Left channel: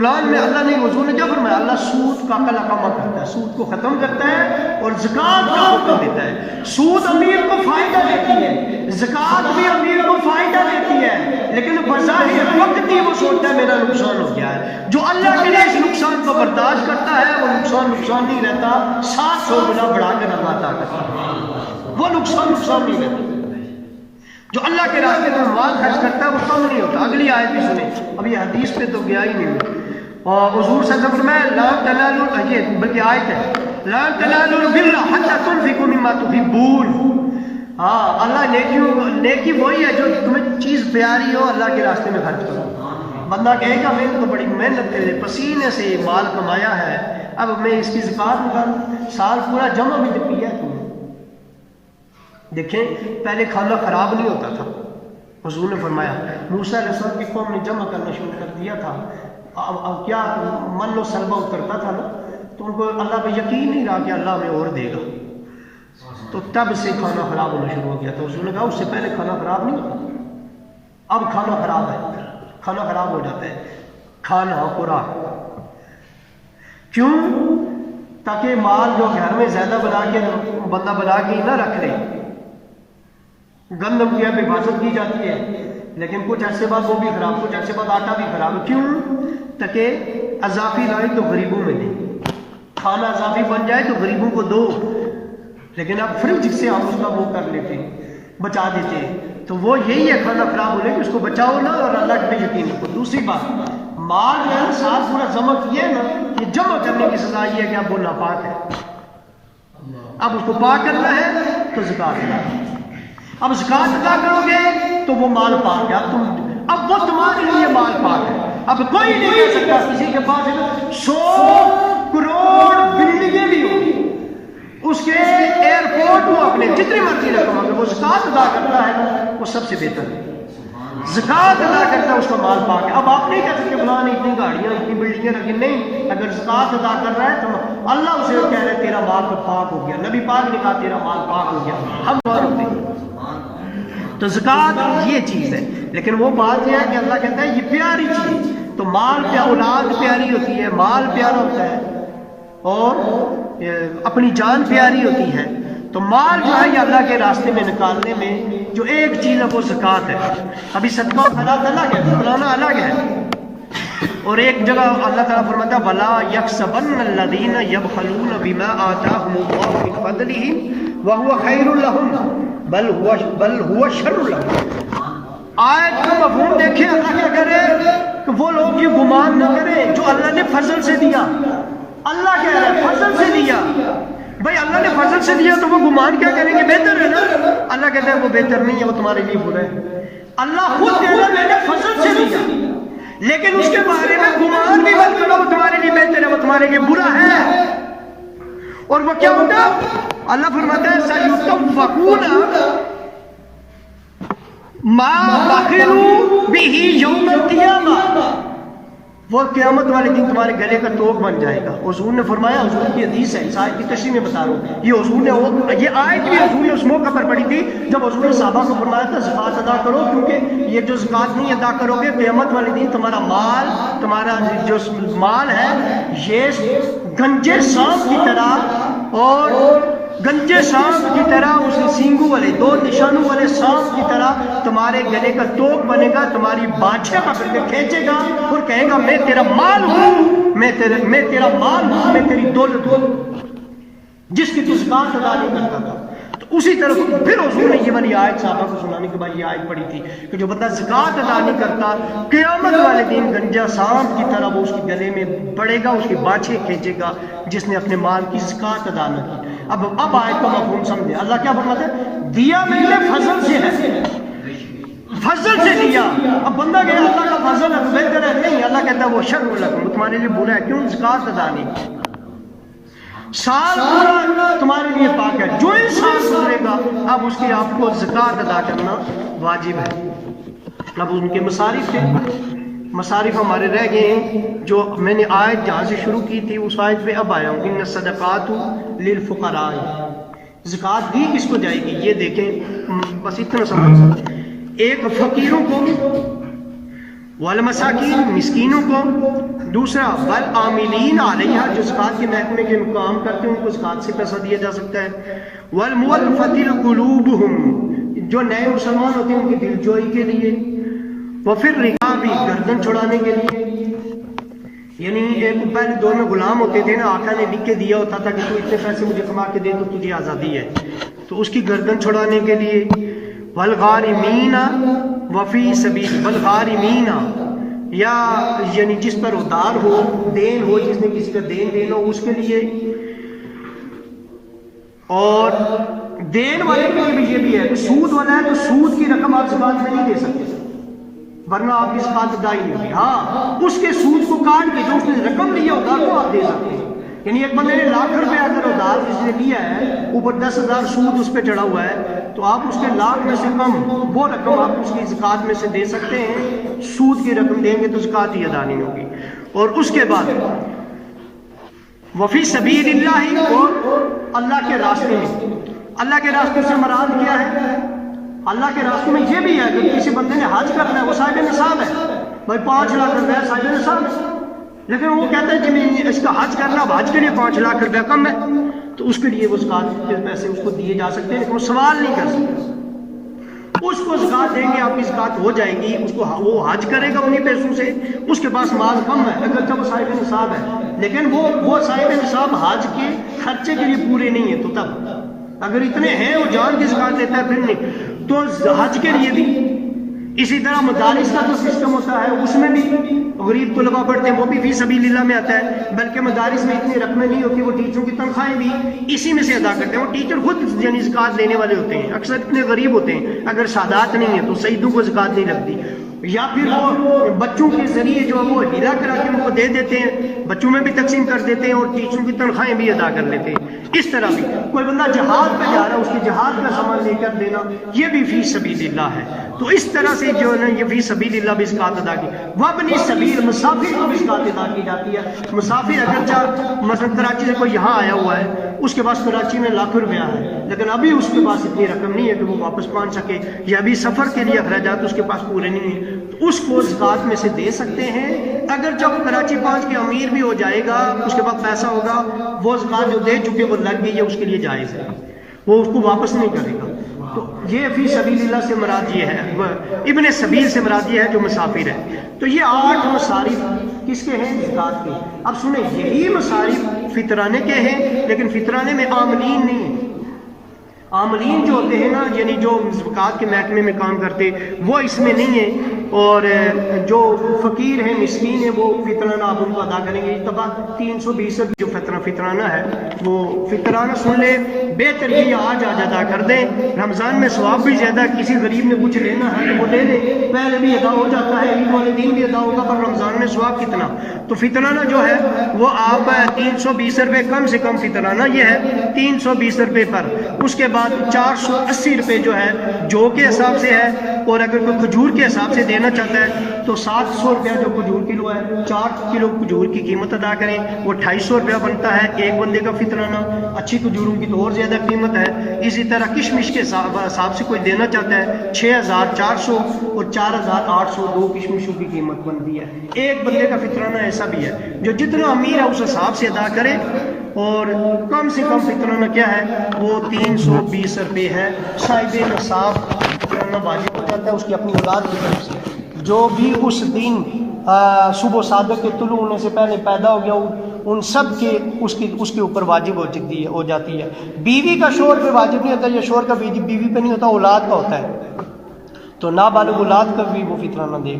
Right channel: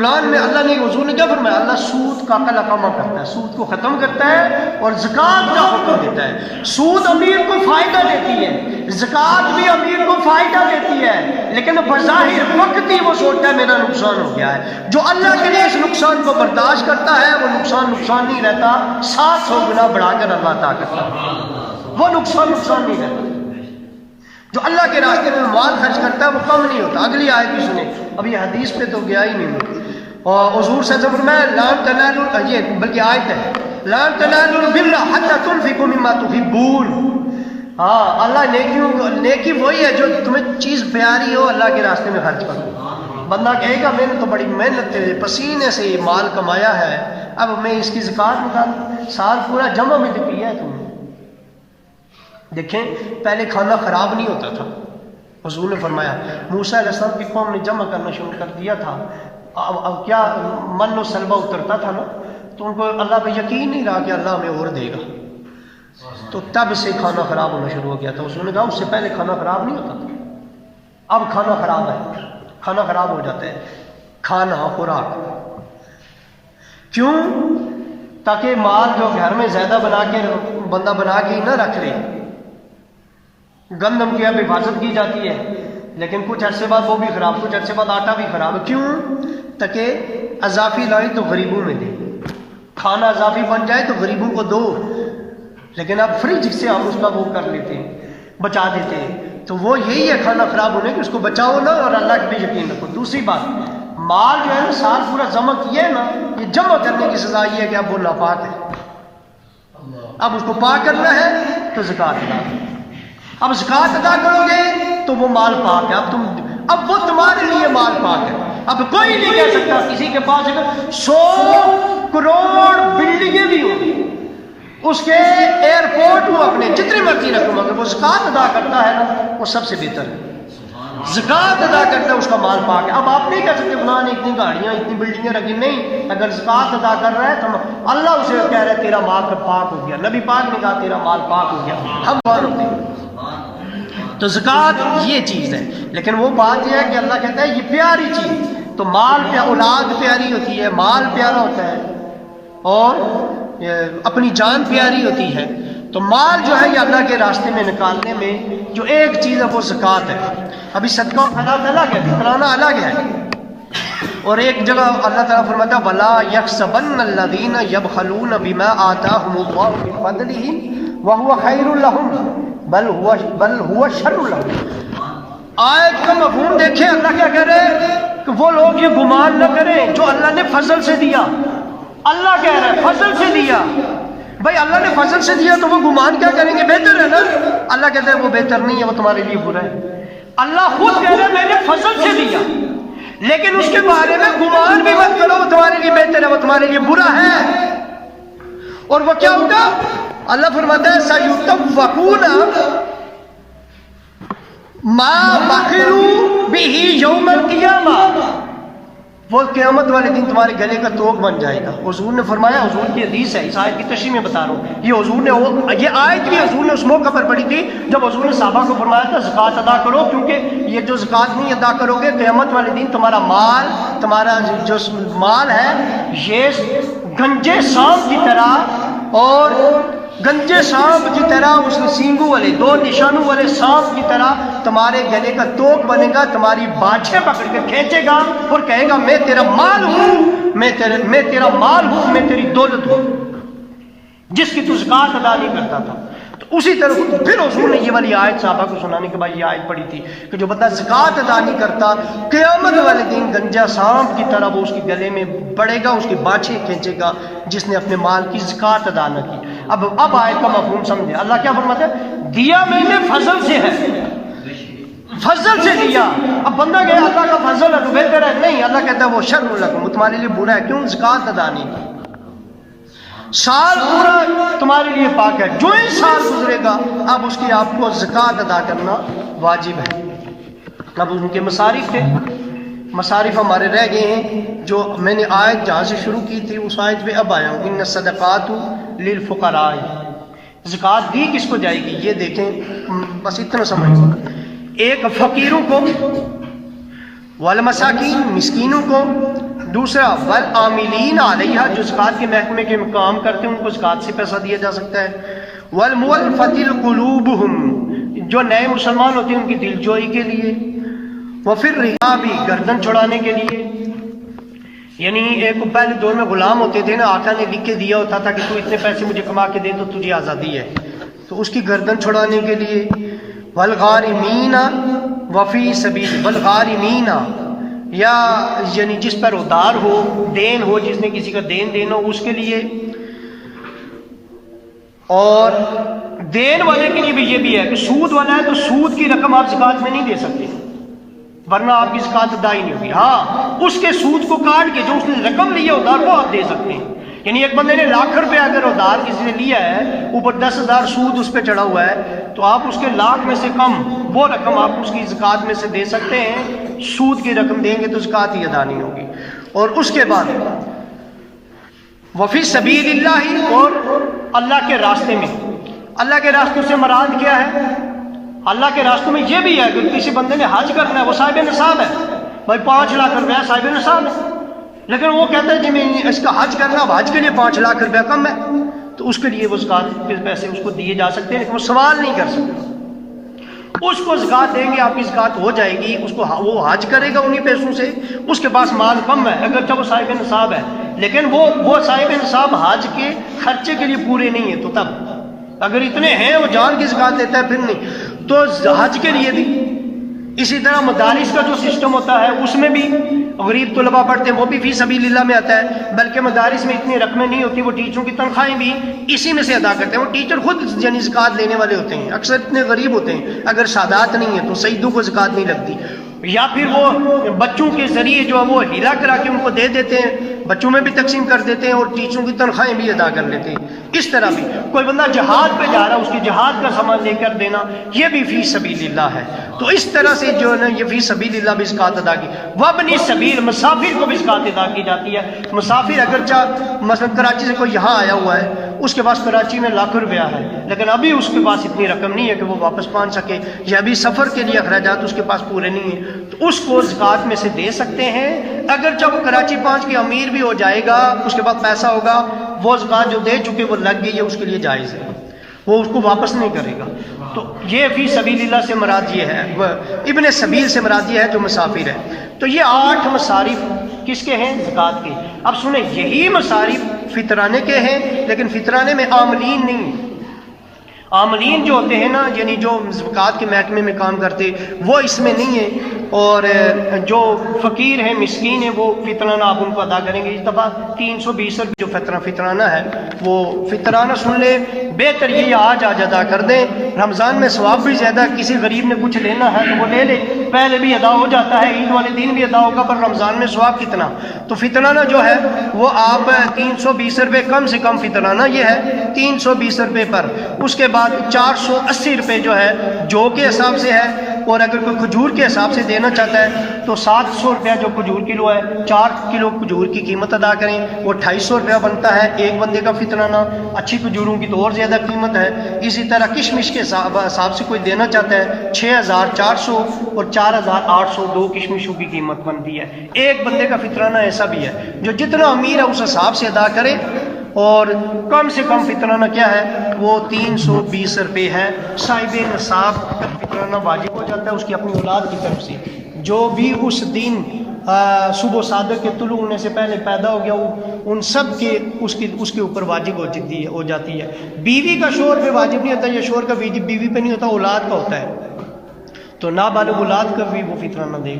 قرآن میں اللہ نے حضور نے کیا فرمایا؟ اللہ سود کا کما کرتا ہے، سود کو ختم کرتا ہے اور زکوٰۃ کا حکم دیتا ہے۔ سود امیر کو فائدہ دیتی ہے، زکوٰۃ بھی امیر کو فائدہ دیتی ہے، لیکن بظاہر وقت ہی وہ سوچتا ہے میرا نقصان ہو گیا ہے۔ جو اللہ کے لیے اس نقصان کو برداشت کرتا ہے وہ نقصان نہیں رہتا، 700 گنا بڑھا کر اللہ عطا کرتا ہے، وہ نقصان نہیں رہتا۔ جو اللہ کے راستے میں مال خرچ کرتا ہے وہ کم نہیں ہوتا۔ اگلی آیت بھی سنیں، ابھی حدیث پہ تو گیا ہی نہیں، اور حضور صلی اللہ علیہ وسلم میں لن تنالوا، یہ بلکہ آیت ہے، لن تنالوا البر حتى تنفقوا مما تحبون۔ ہاں، اللہ نیکی وہی ہے جو تمہیں چیز پیاری ہو اللہ کے راستے میں خرچ کرو۔ بندہ کہے گا میں نے تو بڑی محنت سے پسینے سے مال کمایا ہے، اب میں اس کی زکوٰۃ نکالوں، سال پورا جمع بھی تو کیا ہے تم نے۔ دیکھیں، پہلے کھانا خراب نہیں ہوتا تھا، حضور نے فرمایا موسیٰ علیہ السلام کی قوم نے جمع کرنا شروع کر دیا تھا، اب کیا من و سلوہ اترتا تھا نا، تو ان کو اللہ پہ یقین نہیں رہا کہ اللہ ہمیں اور دے گا، تو تب سے کھانا خراب ہونا شروع ہو گیا تھا۔ حضور نے کہا اس سے پہلے کھانا خراب نہیں ہوتا تھا، اب کھانا خراب ہے، کھانا خراب ہو جاتا ہے۔ کھانا خوراک کیوں؟ تاکہ مال جو گھر میں زیادہ بندہ بنا کے ہی نہ رکھ لے۔ گندم کی اب حفاظت کی جاتی ہے، لیکن کچھ عرصے بعد وہ بھی خراب، کچھ عرصے بعد آٹا بھی خراب۔ کیوں؟ تاکہ اضافی لائے تو غریبوں میں دے، کھانا اضافی بن جائے تو غریبوں کو دو، لیکن اب فریج سے ہم اس کا وہ کر لیتے ہیں، بچا دیتے ہیں۔ تو وہ یہی ہے کھانا خراب ہونے کہ اس کو بچاؤ نا اور اللہ پہ یقین رکھو۔ دوسری بات، مال جو ہے سال پورا جمع کیے نا، یہ جمع کرنے کی سزا یہ ہے کہ اب وہ ناپاک ہے، اب اس کو پاک کرنا ہے تو زکوٰۃ ادا کرو۔ اب زکوٰۃ ادا کرو گے تو وہ مال پاک ہے، اب وہ تمہارے لیے مال پاک ہے۔ اب کوئی نہیں کہہ سکتا، کسی کے پاس 100 کروڑ بلڈنگیں بھی ہوں، اس کے ایئرپورٹ ہوں، اپنے جتنی مرضی رقم، اگر وہ زکوٰۃ ادا کرتا ہے نا وہ سب سے بہتر ہے۔ زکوٰۃ ادا کرتا ہے اس کا مال پاک ہے۔ اب آپ نہیں کہہ سکتے فلاں نے اتنی گاڑیاں اتنی بلڈنگیں رکھی، نہیں، اگر زکوٰۃ ادا کر رہا ہے تو اللہ اسے کہہ رہا ہے تیرا مال پاک ہو گیا، نبی پاک نے کہا تیرا مال پاک ہو گیا، ہم مان ہوتے ہیں۔ تو زکوٰۃ یہ چیز ہے، لیکن وہ بات یہ ہے کہ اللہ کہتا ہے یہ پیاری چیز، تو مال پہ اولاد پیاری ہوتی ہے، مال پیارا ہوتا ہے، اور اپنی جان پیاری ہوتی ہے۔ تو مال جو ہے یہ اللہ کے راستے میں نکالنے میں جو ایک چیز ہے وہ زکوٰۃ ہے۔ ابھی صدقہ خیرات الگ ہے، فلانا الگ ہے، اور ایک جگہ اللہ تعالیٰ فرماتا ہے وَلَا يَحْسَبَنَّ الَّذِينَ يَبْخَلُونَ بِمَا آتَاهُمُ اللَّهُ مِنْ فَضْلِهِ وَهُوَ خَيْرٌ لَهُمْ بل هو شر لهم۔ آیت کا مفہوم دیکھیں، اللہ کیا کہہ رہے ہیں کہ وہ لوگ یہ گمان نہ کریں جو اللہ نے فضل سے دیا۔ اللہ کہہ رہا ہے فضل سے دیا، بھائی اللہ نے فضل سے دیا تو وہ گمان کیا کریں گے؟ بہتر ہے نا۔ اللہ کہتا ہے وہ بہتر نہیں ہے، وہ تمہارے لیے برا ہے۔ اللہ خود کہہ رہا ہے میں نے فضل سے دیا، لیکن اس کے بارے میں گمان بھی مت کرو وہ تمہارے لیے بہتر ہے، وہ تمہارے لیے برا ہے۔ اور وہ کیا ہوگا؟ اللہ فرماتا ہے سَيُطَوَّقُونَ مَا بَخِلُوا بِهِ يَوْمَ الْقِيَامَةِ، وہ قیامت والے دن تمہارے گلے کا توق بن جائے گا۔ حضور نے فرمایا، حضور کی حدیث ہے، اس آیت کی تشریح میں بتا رہا ہوں، یہ حضور نے یہ آیت بھی حضور نے اس موقع پر پڑھی تھی جب حضور نے صحابہ کو فرمایا تھا زکوٰۃ ادا کرو، کیونکہ یہ جو زکوٰۃ نہیں ادا کرو گے قیامت والے دن تمہارا جو مال ہے یہ گنجے سانپ کی طرح، اور گنجے سانپ کی طرح، اس سینگوں والے 2 نشانوں والے سانپ کی طرح تمہارے گلے کا توق بنے گا، تمہاری باچھیں پکڑ کے کھینچے گا اور کہے گا میں تیرا مال ہوں، میں تیرا مال ہوں، میں تیری دولت ہوں، جس کی تو زکوٰۃ ادا نہیں کرتا تھا۔ تو اسی طرح پھر حضور نے یہ والی آیت صحابہ کو سنانے کے بعد یہ آیت پڑھی تھی کہ جو بندہ زکوٰۃ ادا نہیں کرتا قیامت والے دن گنجا سانپ کی طرح وہ اس کے گلے میں پڑے گا، اس کی باچھیں کھینچے گا، جس نے اپنے مال کی زکوٰۃ ادا نہ کی۔ اب آیت کا مفہوم سمجھے، اللہ کیا فرماتا ہے؟ دیا میں نے فضل سے ہے، فضل سے دیا۔ اب بندہ کہ اللہ کا فضل ہے تو بہتر ہے، نہیں، اللہ کہتا ہے وہ شر لکم، وہ تمہارے لیے برا ہے۔ کیوں؟ زکوٰۃ ادا نہیں کی، سال پورا تمہارے لیے پاک ہے، جو ہی سال گزرے گا اب اس کی آپ کو زکوٰۃ ادا کرنا واجب ہے۔ اب ان کے مصارف تھے، مصارف ہمارے رہ گئے ہیں، جو میں نے آیت جہاں سے شروع کی تھی اس آیت پہ اب آیا ہوں، ان الصدقات للفقراء، زکوٰۃ دی کس کو جائے گی؟ یہ دیکھیں، بس اتنا سمجھ، ایک فقیروں کو، والمساکین مسکینوں کو، دوسرا والعاملین علیہا، جو زکوٰۃ کے محکمے کے کام کرتے ہیں ان کو زکوٰۃ سے پیسہ دیا جا سکتا ہے۔ والمؤلفۃ قلوبہم، جو نئے مسلمان ہوتے ہیں ان کی دل جوئی کے لیے۔ وفی الرقاب، گردن چھڑانے کے لیے، یعنی ایک پہلے دور میں غلام ہوتے تھے نا، آقا نے لکھ کے دیا ہوتا تھا کہ تو اتنے پیسے مجھے کما کے دے تو تجھے آزادی ہے، تو اس کی گردن چھڑانے کے لیے۔ والغارمین وفی سبیل، والغارمین، یا یعنی جس پر ادار ہو، دین ہو، جس نے کسی کا دین دینا ہو اس کے لیے۔ اور دین والے کے لیے بھی یہ بھی ہے کہ سود والا ہے تو سود کی رقم آپ زکوٰۃ میں نہیں دے سکتے، ورنہ آپ کی زکوٰۃ ادا ہی نہیں ہوگی۔ ہاں، اس کے سود کو کاٹ کے جو اس نے رقم لی ہے ادار وہ آپ دے سکتے ہیں۔ یعنی ایک بندے نے لاکھ روپے اگر ادار کسی نے لیا ہے، اوپر 10,000 سود اس پہ چڑھا ہوا ہے، تو آپ اس کے لاکھ میں سے کم وہ رقم آپ اس کی زکوٰۃ میں سے دے سکتے ہیں۔ سود کی رقم دیں گے تو زکوٰۃ ہی ادا نہیں ہوگی۔ اور اس کے بعد وفی سبیل اللہ، اور اللہ کے راستے میں۔ اللہ کے راستے سے مراد کیا ہے؟ اللہ کے راستوں میں یہ بھی ہے کہ کسی بندے نے حج کرنا ہے، وہ صاحب نصاب ہے، بھائی 5 لاکھ روپیہ صاحب نصاب ہے، لیکن وہ کہتا ہے جی میں اس کا حج کرنا، حج کے لیے 5 لاکھ روپیہ کم ہے، تو اس کے لیے وہ زکوٰۃ کے پیسے اس کو دیے جا سکتے ہیں، لیکن وہ سوال نہیں کر سکتے۔ اس کو زکوٰۃ دیں گے، آپ کی زکوٰۃ ہو جائے گی، اس کو وہ حج کرے گا انہی پیسوں سے، اس کے پاس مال کم ہے اگرچہ وہ صاحب نصاب ہے، لیکن وہ صاحب نصاب حج کے خرچے کے لیے پورے نہیں ہیں، تو تب اگر اتنے ہیں وہ جان کی زکوٰۃ دیتا ہے پھر نہیں، تو حج کے لیے بھی۔ اسی طرح مدارس کا جو سسٹم ہوتا ہے اس میں بھی غریب طلباء پڑھتے ہیں، وہ بھی فی سبیل اللہ میں آتا ہے، بلکہ مدارس میں اتنی رقمیں نہیں ہوتی، وہ ٹیچروں کی تنخواہیں بھی اسی میں سے ادا کرتے ہیں۔ وہ ٹیچر خود یعنی زکوٰۃ لینے والے ہوتے ہیں، اکثر اتنے غریب ہوتے ہیں، اگر سادات نہیں ہیں تو سیدوں کو زکوٰۃ نہیں لگتی، یا پھر وہ بچوں کے ذریعے جو ہے وہ ہیرا کرا کے ان کو دے دیتے ہیں، بچوں میں بھی تقسیم کر دیتے ہیں اور ٹیچروں کی تنخواہیں بھی ادا کر لیتے ہیں۔ اس طرح بھی کوئی بندہ جہاد پہ جا رہا ہے، اس کی جہاد کا سامان لے کر دینا، یہ بھی فی سبیل اللہ ہے۔ تو اس طرح سے جو ہے نا یہ فی سبیل اللہ بھی زکوٰۃ ادا کی۔ وابن سبیل، مسافر کو بھی زکوٰۃ ادا کی جاتی ہے۔ مسافر اگرچہ مثلا کراچی سے کوئی یہاں آیا ہوا ہے، اس کے پاس کراچی میں لاکھ روپیہ ہے، لیکن ابھی اس کے پاس اتنی رقم نہیں ہے کہ وہ واپس پہنچ سکے، یا ابھی سفر کے لیے اخراجات اس کے پاس پورے نہیں ہیں، تو اس کو زکوٰۃ میں سے دے سکتے ہیں۔ اگر جب کراچی پہنچ کے امیر بھی ہو جائے گا، اس کے بعد پیسہ ہوگا، وہ زکوٰۃ جو دے چکے وہ لگ گئی ہے، اس کے لیے جائز ہے، وہ اس کو واپس نہیں کرے گا۔ تو یہ فی سبیل اللہ سے مراد یہ ہے، ابن سبیل سے مراد یہ ہے جو مسافر ہے۔ تو یہ 8 مصارف کس کے ہیں؟ زکوٰۃ کے۔ اب سنیں، یہی مصارف فطرانے کے ہیں، لیکن فطرانے میں عاملین نہیں۔ عاملین جو ہوتے ہیں نا، یعنی جو زکوٰۃ کے محکمے میں کام کرتے، وہ اس میں نہیں ہیں، اور جو فقیر ہیں، مسکین ہیں، وہ فطرانہ آپ ان کو ادا کریں گے۔ اس دفعہ 320 روپے جو فطرانہ ہے وہ فطرانہ سن لیں، بہتر یہ آج ادا کر دیں، رمضان میں ثواب بھی زیادہ ہے، کسی غریب نے کچھ لینا ہے تو وہ لے لے، پہلے بھی ادا ہو جاتا ہے، عید والے دن بھی ادا ہوگا، پر رمضان میں ثواب کتنا۔ تو فطرانہ جو ہے وہ آپ 320 روپے، کم سے کم فطرانہ یہ ہے 320 روپے پر۔ اس کے بعد 480 روپے جو ہے جو کے حساب سے ہے، اور اگر کوئی کھجور کے حساب سے دینا چاہتا ہے تو 700 روپیہ جو کھجور کلو ہے، 4 کلو کھجور کی قیمت ادا کریں، وہ 250 روپیہ بنتا ہے ایک بندے کا فطرانہ۔ اچھی کھجوروں کی تو اور زیادہ قیمت ہے۔ اسی طرح کشمش کے حساب سے کوئی دینا چاہتا ہے 6400 اور 4800 دو کشمشوں کی قیمت بنتی ہے۔ ایک بندے کا فطرانہ ایسا بھی ہے، جو جتنا امیر ہے اس حساب سے ادا کرے، اور کم سے کم فطرانہ کیا ہے وہ 320 روپے ہے۔ صاحب نصاب فطرانہ واجب ہو جاتا ہے اس کی اپنی اولاد کی طرف سے، جو بھی اس دن صبح صادق کے طلوع ہونے سے پہلے پیدا ہو گیا، ان سب کے اس کے اوپر واجب ہو جاتی ہے۔ بیوی کا شوہر پہ واجب نہیں ہوتا، یا شوہر کا بیوی پہ نہیں ہوتا، اولاد کا ہوتا ہے، تو نابالغ اولاد کر بھی وہ فطرانہ دے۔